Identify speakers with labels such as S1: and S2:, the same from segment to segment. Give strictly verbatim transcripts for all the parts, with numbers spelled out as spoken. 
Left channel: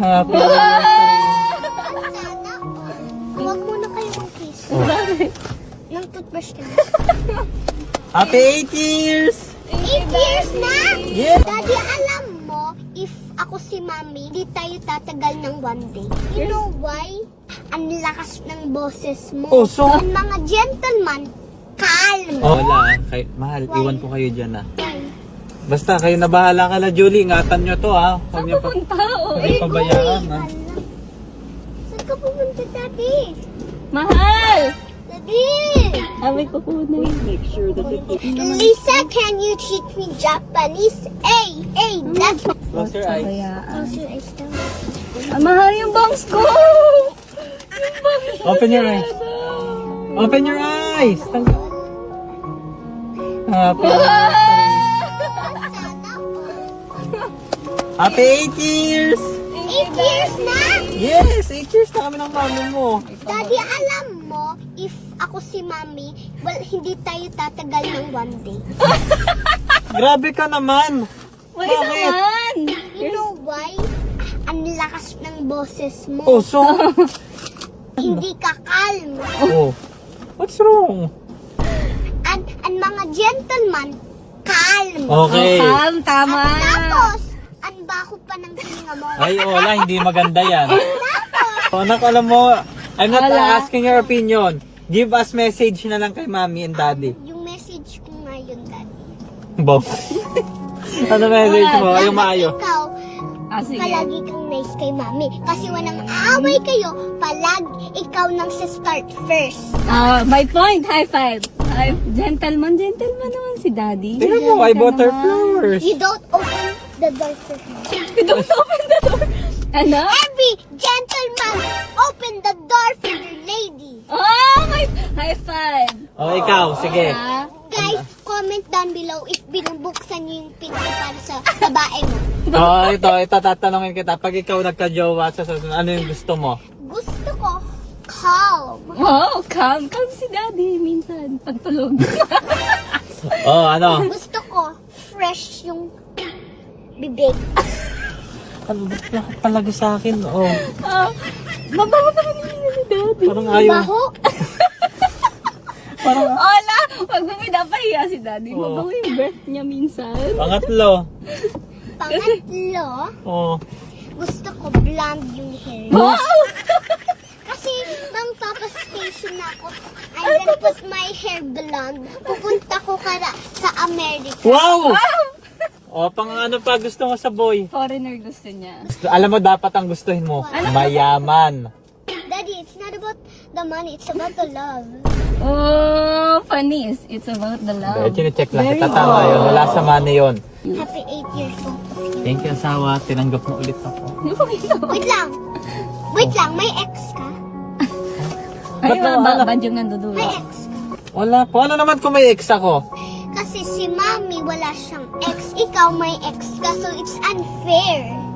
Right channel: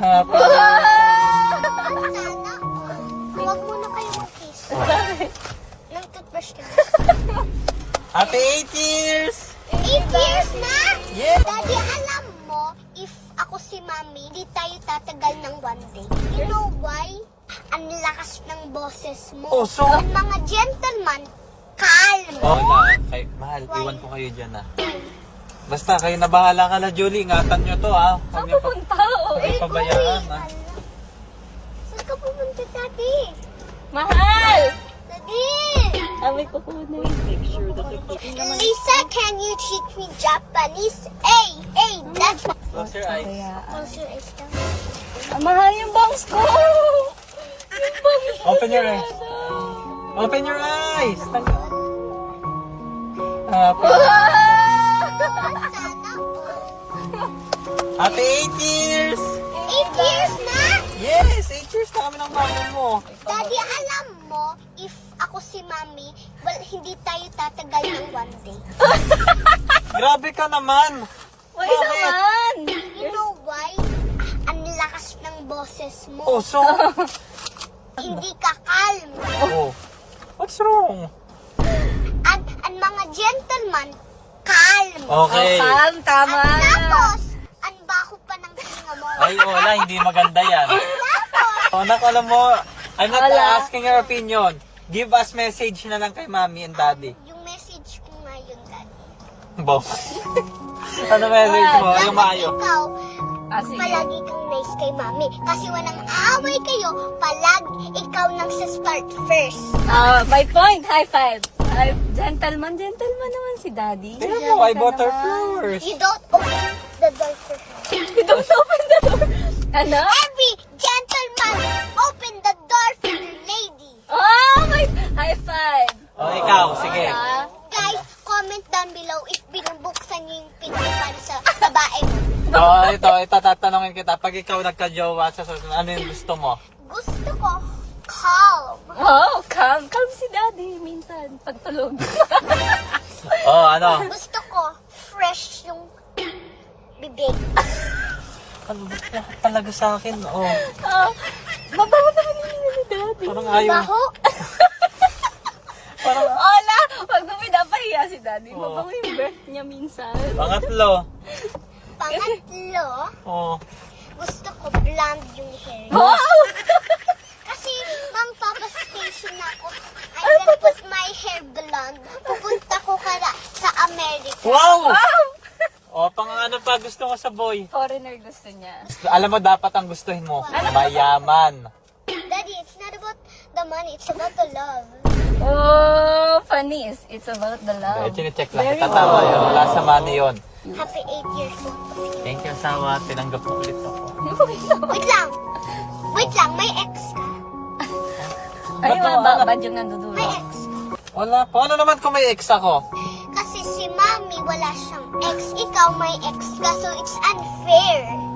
S1: Happy
S2: Sana, huwag muna kayo mag-kiss. Nang toothbrush ka na.
S1: Happy eight years!
S2: Eight years na!
S1: Yeah.
S2: Daddy, alam mo, if ako si Mami, hindi tayo tatagal ng one day. You know why? Ang lakas ng boses mo.
S1: Oh, so-
S2: Ang mga gentleman, calm.
S1: Oh, kay, mahal, iwan ko kayo dyan ah. Basta kayo na bahala ka na, Julie. Ingatan nyo to ha. Huwag niyo pa huwag pabayaan ha.
S2: Saan ka pumunta, Daddy?
S3: Mahal!
S2: Daddy!
S3: Sabi ko po na
S2: Lisa, can you teach me Japanese? Hey, hey, that's
S1: Close your eyes.
S3: Ah, mahal yung bangs ko!
S1: Open your eyes. Open your eyes. Happy, Happy eight years!
S2: Eight years na!
S1: Yes! eight years na kami ng kama mo.
S2: Daddy, alam mo, if ako si Mami, well, hindi tayo tatagal ng one day.
S1: Grabe ka naman.
S3: Wait
S1: Bakit?
S3: naman!
S2: You know why? Ang lakas ng boses mo.
S1: Oh, so?
S2: Hindi ka calm.
S1: Oh. What's wrong?
S2: Ang, ang mga gentleman, calm.
S1: Okay.
S3: Calm, tama na.
S2: Tapos, ang baho pa ng hininga mo.
S1: Ay, wala. Hindi maganda yan.
S2: Tapos,
S1: Oh, anak, alam mo, I'm not
S3: Wala.
S1: asking your opinion. Give us message na lang kay mommy and daddy.
S2: yung message ko ngayon, Daddy.
S1: Bo. Ano message mo? Ayaw maayo.
S2: Ikaw,
S3: Ah, sige.
S2: palagi kang nice kay Mami. Kasi walang away kayo, palagi ikaw nang start first.
S3: Ah, my point, high five. Ay, gentleman, gentleman naman si Daddy.
S1: Tingnan mo, I bought her first.
S2: You don't open the door for me.
S3: Don't open the door. Ano?
S2: Every gentleman, open the door for the lady.
S3: Oh, my, high five.
S1: Oh, ikaw, sige.
S3: Ah,
S2: Guys, comment down below if binubuksan niyo yung pinto para sa babae.
S1: Oh, ito, ito, tatanungin kita. Pag ikaw nagka-jowa sa susunod, ano yung gusto mo?
S2: Gusto ko calm.
S3: oh, calm, calm si Daddy minsan. Pagtulog.
S1: Oh, ano?
S2: Gusto ko fresh yung bibig.
S1: Ano ba talaga sa akin? Oh,
S3: Ah, mabaho pa rin si Daddy.
S1: parang ayaw.
S2: Baho.
S1: Parang,
S3: Oh, na! Pag pinapahiya si Daddy,
S1: Oo.
S3: mabaho yung breath niya minsan.
S1: pangatlo.
S2: Pangatlo,
S1: Oh.
S2: gusto ko blonde yung hair.
S1: Oh.
S2: Kasi bang papastation ako, I'm gonna put my hair blonde. Pupunta ko kara sa America.
S1: Wow! Oh, pang ano pa gusto mo sa boy?
S3: Foreigner gusto niya.
S1: Alam mo, dapat ang gustuhin mo, mayaman.
S2: Daddy, it's not about the money, it's about the love.
S3: Oh, funnies. It's about the love.
S1: Dahil check lang kita. Wala sa money yun.
S2: Happy eight years old.
S1: Thank you, asawa. Tinanggap mo ulit ako.
S2: Wait lang. Wait lang, may ex ka?
S3: Ay, ba, ba yung nandudulo?
S2: May ex.
S1: Wala po. Ano naman kung may ex ako?
S2: Kasi si Mami wala siyang ex. Ikaw may ex ka, so it's unfair.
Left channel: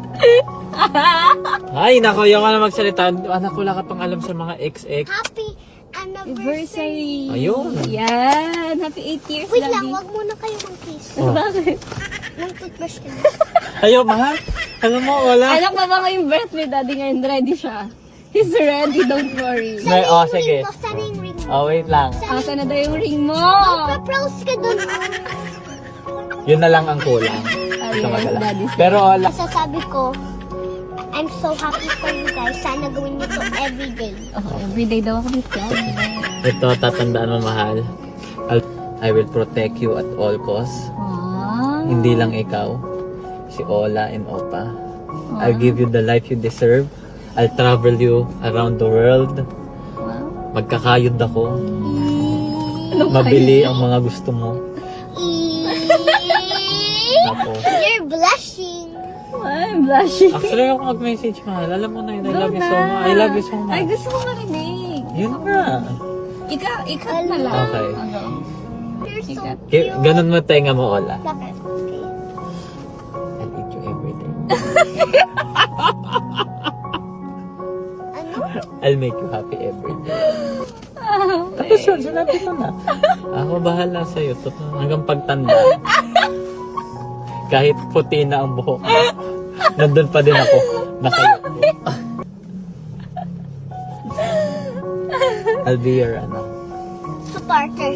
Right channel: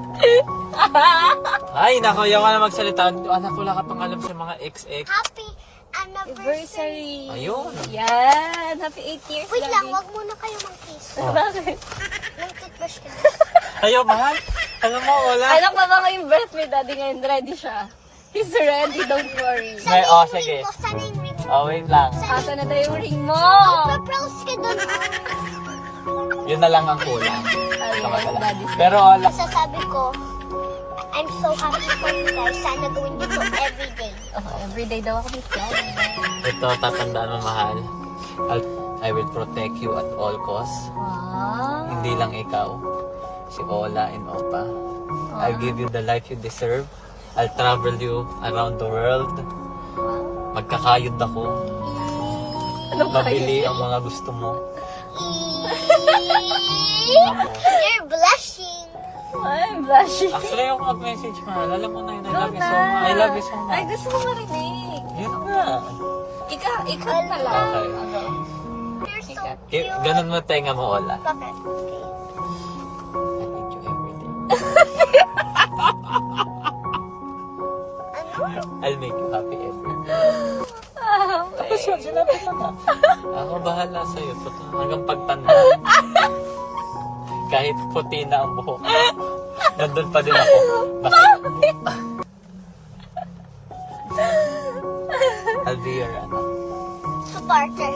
S1: Ay, naku, yung ano magsalita. Anak, wala ka pang alam sa mga ex-ex.
S2: Happy anniversary.
S3: Anniversary.
S1: Ayun.
S3: Yan. Happy eight years.
S2: Wait lang,
S3: Daddy.
S2: wag muna kayo mag-kiss.
S3: Bakit?
S2: Nang toothbrush ko na.
S1: Ayaw, mahal. Alam mo, wala.
S3: Alam mo ba yung breath ni Daddy ngayon? Ready siya. He's ready, don't worry.
S1: May, oh, sige.
S2: Ito, sana yung ring mo.
S1: Oh, wait lang.
S3: Asa na daw yung ring mo?
S2: Pa-pros ka dun.
S1: Yun na lang ang kulang. Ito nga lang. Pero, wala.
S2: Sasabi ko, I'm so happy for you guys. Sana gawin mo yun everyday.
S3: Everyday daw ako dito.
S1: Ito, tatandaan mo, mahal. I'll- I will protect you at all costs.
S3: Aww.
S1: Hindi lang ikaw. Si Ola and Opa. I'll give you the life you deserve. I'll travel you around the world. Magkakayod ako. Mabili ang mga gusto mo. Tapos,
S2: You're blushing.
S3: I'm blushing.
S1: actually ako mag-message, mahal. Alam mo na yun. I love you so much. I love you so
S3: Ay,
S1: much.
S3: gusto ko marinig.
S1: Yun nga.
S3: Ikaw, ikaw na lang.
S1: Okay.
S2: You're so
S3: Ikaw.
S1: Ki- Ganun mo tenga mo, Ola.
S2: Bye-bye.
S1: I'll eat you everything. I'll make you happy every day. Tapos yun, sinabi ko na. Ako bahala sa'yo. Hanggang pagtanda. Kahit puti na ang buhok. Nandun pa din ako. Naka... I'll be your ano.
S2: Supporter.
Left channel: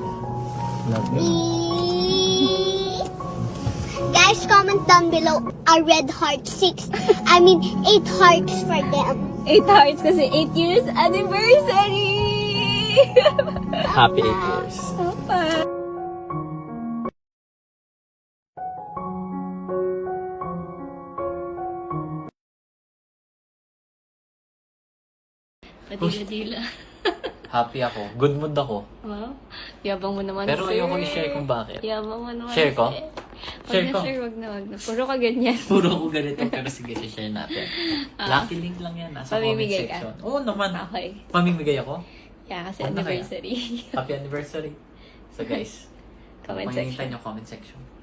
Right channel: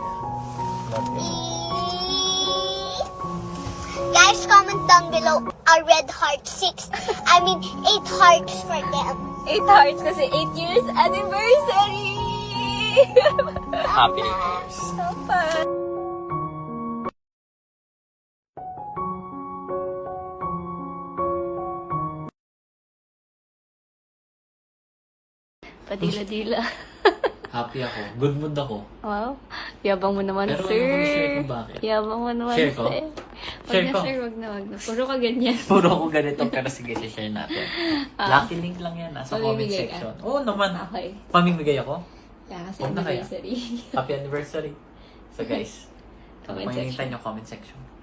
S2: Guys, comment down below a red heart six. I mean eight hearts for them.
S3: Eight hearts kasi eight years anniversary!
S1: Happy eight years.
S3: Padila-dila.
S1: Happy ako. Good mood ako.
S3: Wow. Yabang mo naman,
S1: Pero
S3: sir.
S1: ayoko ni-share kung bakit.
S3: Yabang mo naman,
S1: Share ko?
S3: sir. Wag
S1: Share
S3: na,
S1: ko.
S3: sir. Wag na, wag na. Puro ka ganyan.
S1: Puro ako ganito, pero sige, share natin. Lucky link lang yan, nasa comment
S3: Pamimigay ka?
S1: section. Oo naman.
S3: Okay.
S1: Pamimigay ako?
S3: Yeah, kasi
S1: Huwag na kaya.
S3: anniversary.
S1: Happy anniversary. So guys,
S3: Comment
S1: makikita
S3: section.
S1: nyo comment section.